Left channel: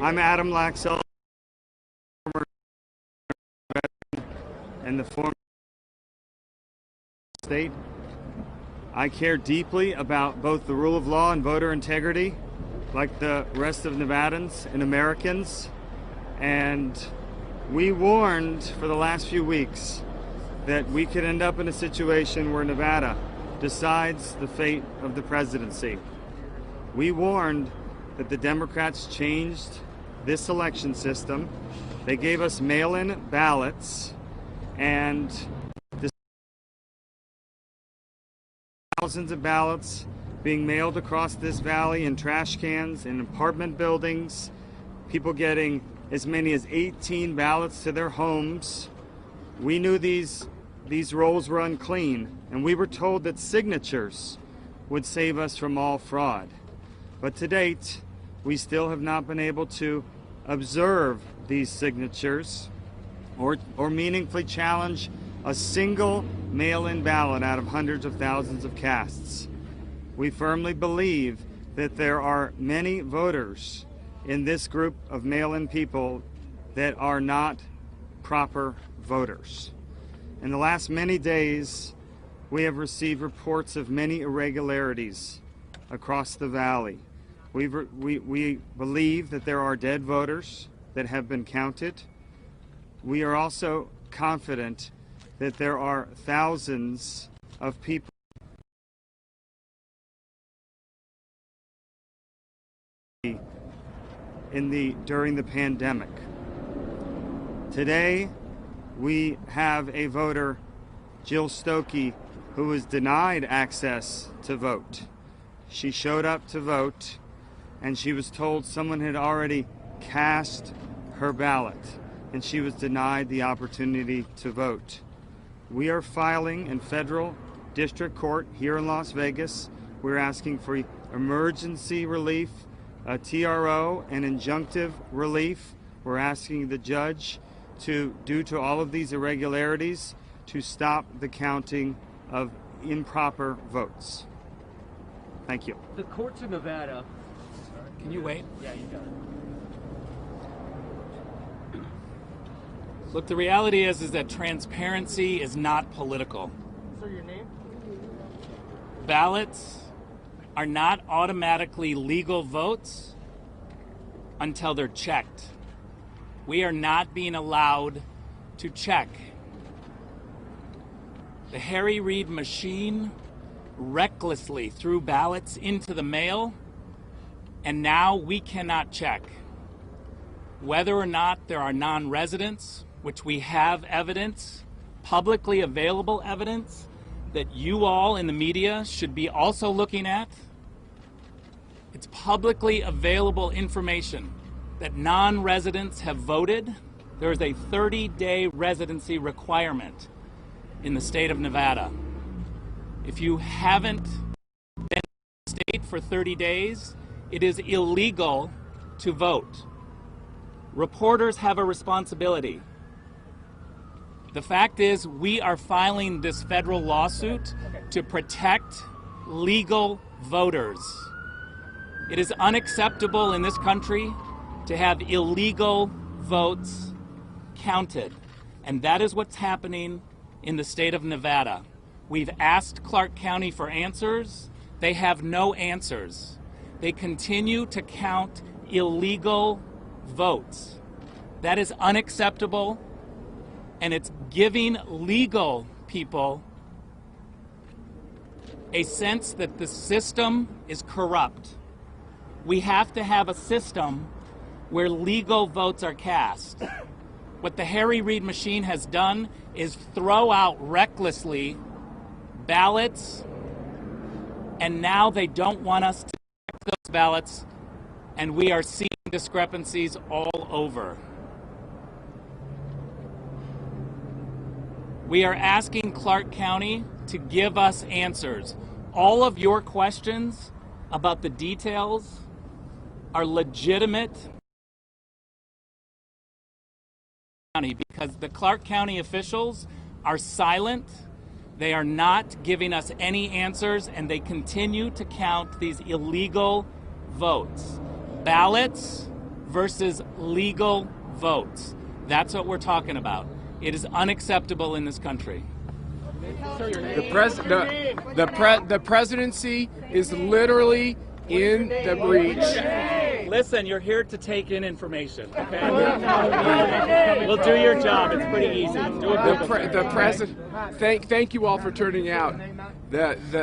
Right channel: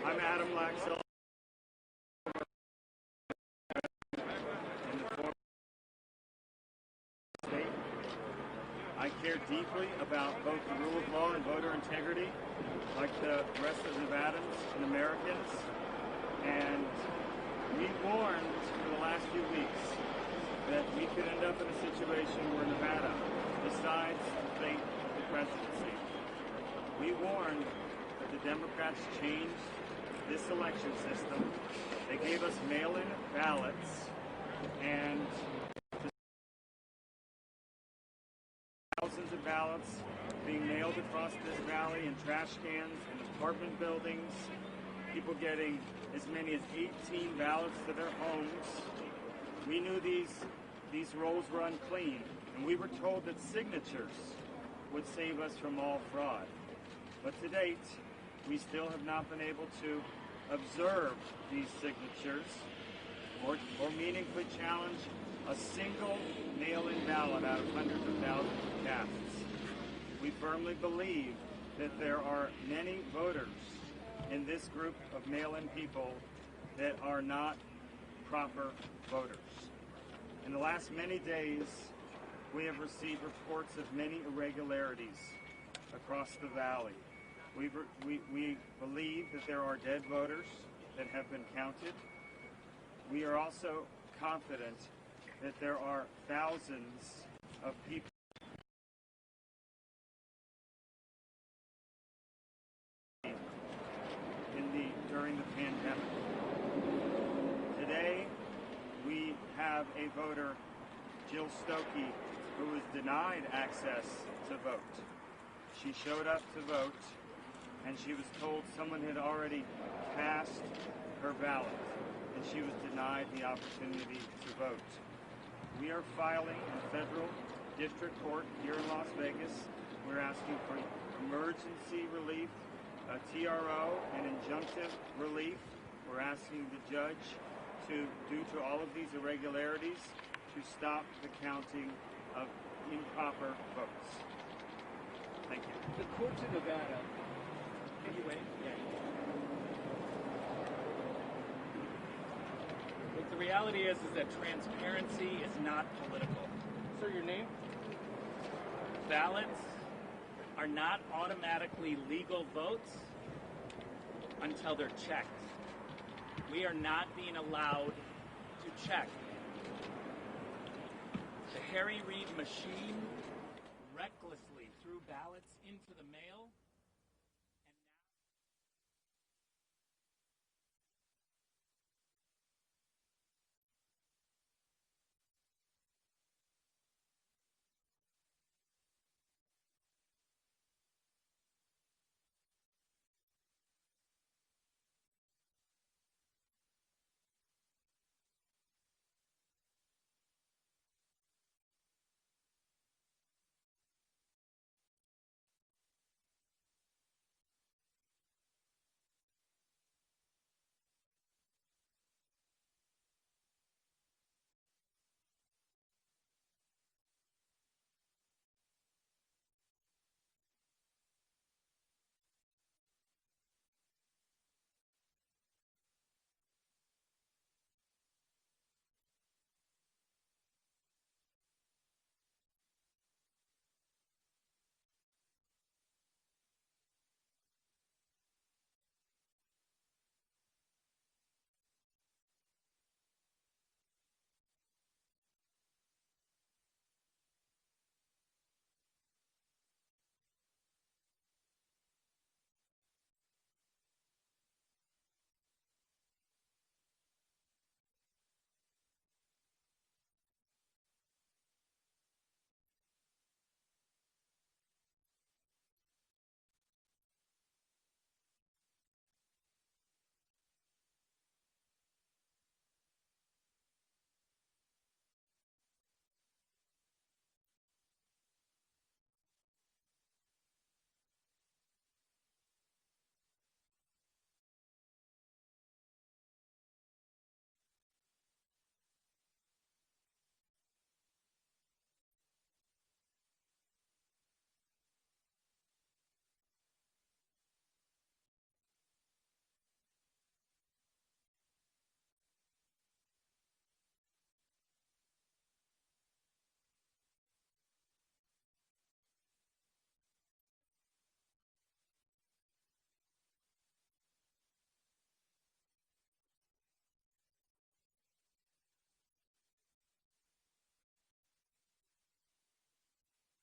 I'm Adam Laxell, and the former state. I care deeply about both the rule of law and voter integrity, like the rest of Nevadans and Americans. And we warned for the last few weeks that we could end up in a situation where Nevada decides the fate of the presidency. We warned that the Democrats changed this election system. They gave us mail-in ballots, and thousands of ballots being mailed across this valley in trash cans, in apartment buildings, people getting as many as 18 ballots to their homes. We knew these rolls were unclean, and we were told that signatures would save us from all fraud. But to date, we still have not been able to observe these signatures or meaningfully challenge a single mail-in ballot out of hundreds of thousands of casts. We firmly believe that there are many voters in this group of mail-in people that are not proper voters. In the last many days, we have received reports of many irregularities across the valley. We believe that there are dead voters that have been counted. We are also confident that there are thousands of people during the pandemic. Today, we have a voter, Jill Stokey, who was denied access to vote. She showed up to vote, and she was told someone had already cast her ballot, and she was denied the opportunity to vote. We are filing in federal district court here in Las Vegas. We're asking for emergency relief, a TRO, and injunctive relief. We're asking the judge due to all of these irregularities, to stop the counting of improper votes. Thank you. The courts in Nevada. Can you wait? Yeah, you got it. Look, the reality is that transparency is not political. Sir, your name? Ballots are not automatically legal votes until they're checked. We are not being allowed to check. The Harry Reid machine recklessly threw ballots into the mail, and now we cannot check. Whether or not there are non-residents, which we have evidence, publicly available evidence, that you all in the media should be also looking at. It's publicly available information that non-residents have voted. There is a 30-day residency requirement in the state of Nevada. If you haven't been in the state for 30 days, it is illegal to vote. Reporters have a responsibility. The fact is, we are filing this federal lawsuit to protect legal voters. It is unacceptable in this country to have illegal votes counted, and that is what's happening in the state of Nevada. We've asked Clark County for answers. They have no answers. They continue to count illegal votes. That is unacceptable, and it's giving legal people a sense that the system is corrupt. We have to have a system where legal votes are cast. What the Harry Reid machine has done is throw out recklessly ballots, and now they don't want us to check those ballots, and we are seeing discrepancies all over. We are asking Clark County to give us answers. All of your questions about the details are legitimate, because the Clark County officials are silent. They are not giving us any answers, and they continue to count these illegal votes. ballots versus legal votes. That's what we're talking about. It is unacceptable in this country. The presidency is literally in the breach. Listen, you're here to take in information, okay? We'll do your job. It's pretty easy. Do The president. Thank you all for turning out.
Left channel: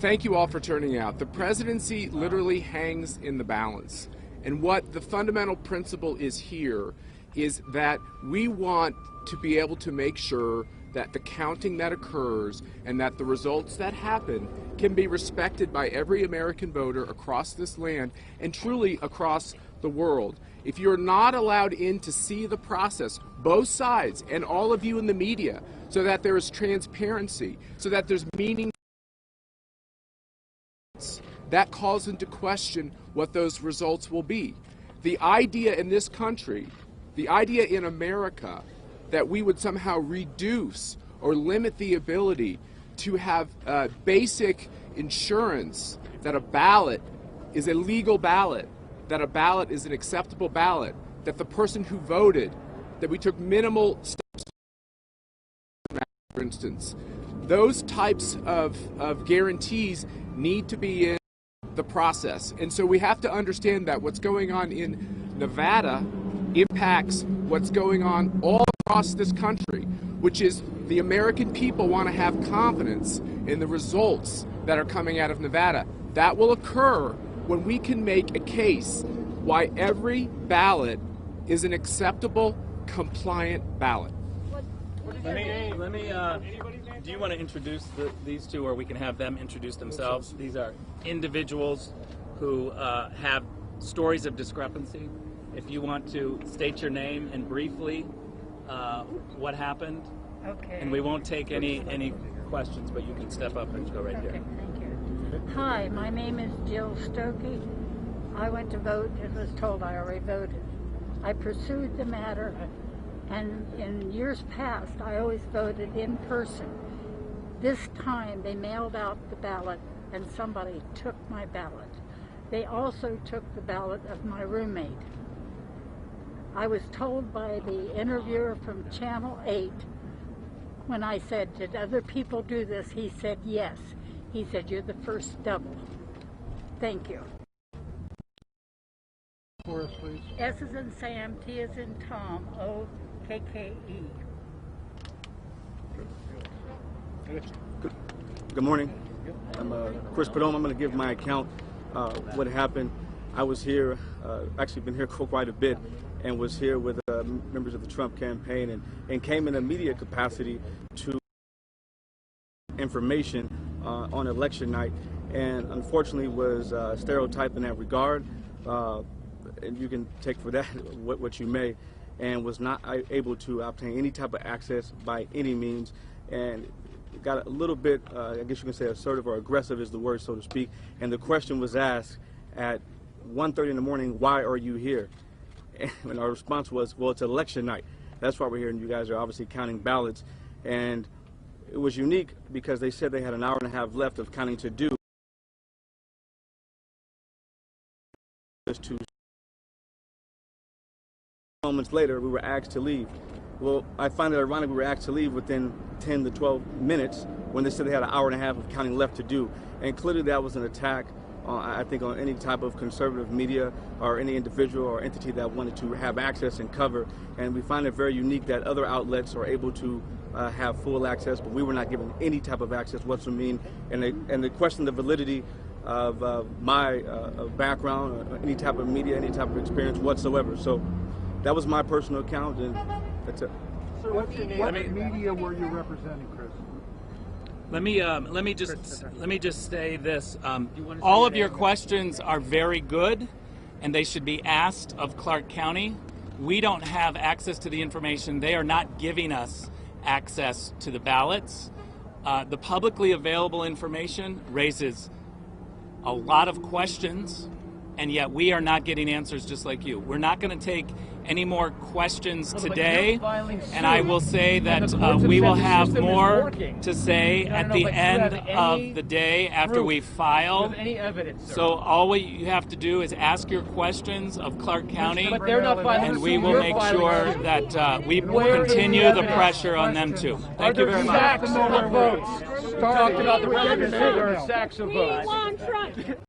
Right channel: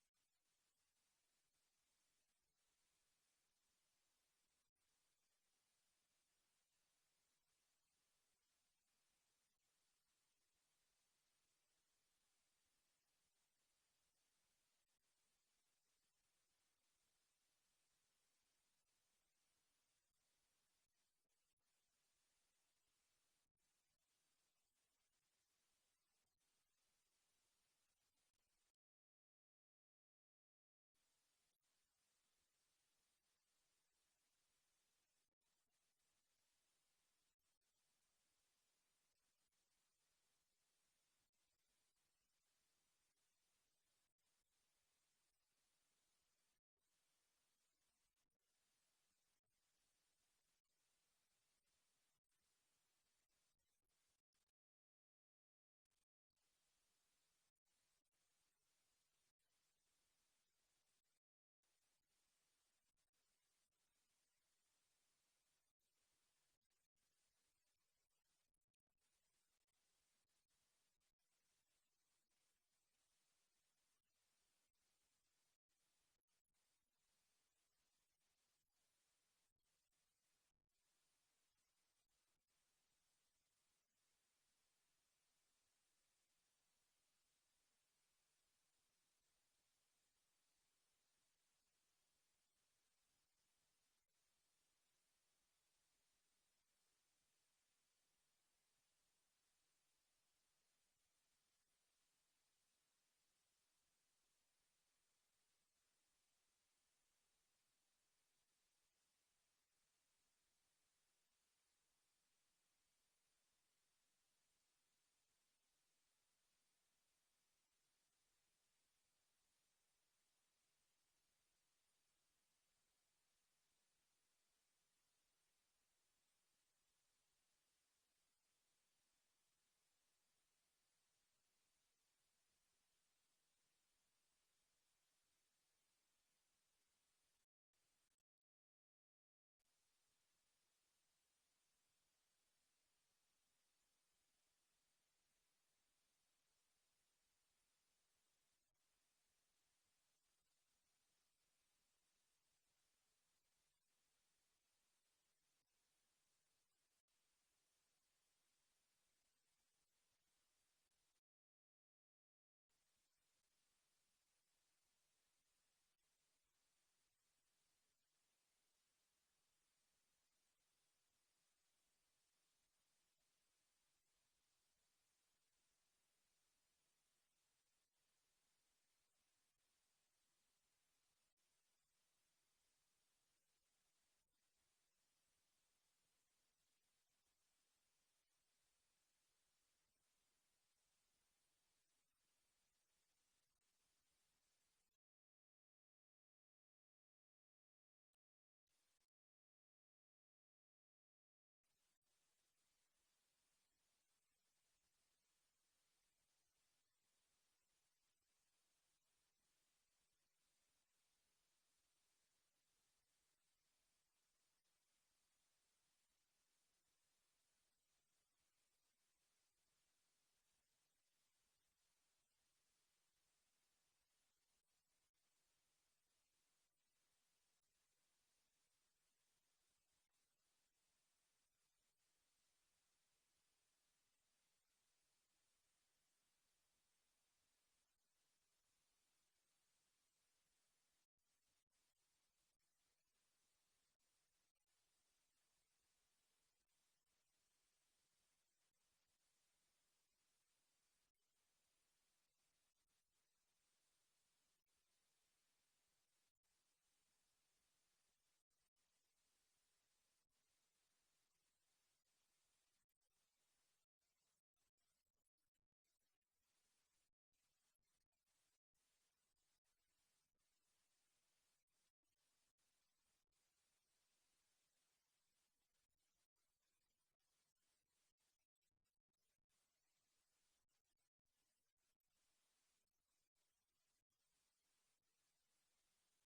Thank you all for turning out. The presidency literally hangs in the balance, and what the fundamental principle is here is that we want to be able to make sure that the counting that occurs and that the results that happen can be respected by every American voter across this land and truly across the world. If you're not allowed in to see the process, both sides and all of you in the media, so that there is transparency, so that there's meaning, that calls into question what those results will be. The idea in this country, the idea in America, that we would somehow reduce or limit the ability to have basic insurance that a ballot is a legal ballot, that a ballot is an acceptable ballot, that the person who voted, that we took minimal steps, for instance. Those types of guarantees need to be in the process. And so we have to understand that what's going on in Nevada impacts what's going on all across this country, which is the American people want to have confidence in the results that are coming out of Nevada. That will occur when we can make a case why every ballot is an acceptable, compliant ballot. Do you want to introduce these two, or we can have them introduce themselves? These are individuals who have stories of discrepancy. If you want to state your name and briefly what happened, okay. And we won't take any questions, but you can step up and go right Okay, here. thank you. Hi, my name is Jill Stokey. I went to vote and was told I already voted. I pursued the matter, and in years past, I always voted in person. This time, they mailed out the ballot, and somebody took my ballot. They also took the ballot of my roommate. I was told by the interviewer from Channel 8, when I said, did other people do this? He said, yes. He said, you're the first double. Thank you. For us, please. S is in Sam, T is in Tom, O-K-K-E. Good morning. I'm Chris Padome. I'm going to give my account what happened. I was here, actually been here for quite a bit, and was here with members of the Trump campaign, and came in a media capacity to information on election night, and unfortunately was stereotyped in that regard, and you can take for that what you may, and was not able to obtain any type of access by any means, and got a little bit, I guess you can say assertive or aggressive is the word, so to speak, and the question was asked at 1:30 in the morning, why are you here? And our response was, well, it's election night. That's why we're here, and you guys are obviously counting ballots. And it was unique because they said they had an hour and a half left of counting to do. Just 2 moments later, we were asked to leave. Well, I find it ironic we were asked to leave within 10 to 12 minutes when they said they had an hour and a half of counting left to do. And clearly that was an attack, I think, on any type of conservative media or any individual or entity that wanted to have access and cover. And we find it very unique that other outlets are able to have full access, but we were not given any type of access whatsoever. And they question the validity of my background, or any type of media, any type of experience whatsoever. So that was my personal account, and that's it. Sir, what media were you representing, Chris? Let me just say this. All of your questions are very good, and they should be asked of Clark County. We don't have access to the information. They are not giving us access to the ballots. The publicly available information raises a lot of questions, and yet we are not getting answers just like you. We're not going to take any more questions But today, you're filing and I suit, will say and that the courts we said will the have system is more working. to say And I at don't the know, but you end have any of the day after proof? we file. With any evidence, sir. So all you have to do is ask your questions of Clark County, But they're not filing and suit, we will you're make filing sure suit. that we Where is continue the the evidence? pressure on them too. Are Thank you there very much. sacks of votes? We talked about the record, there are sacks of votes.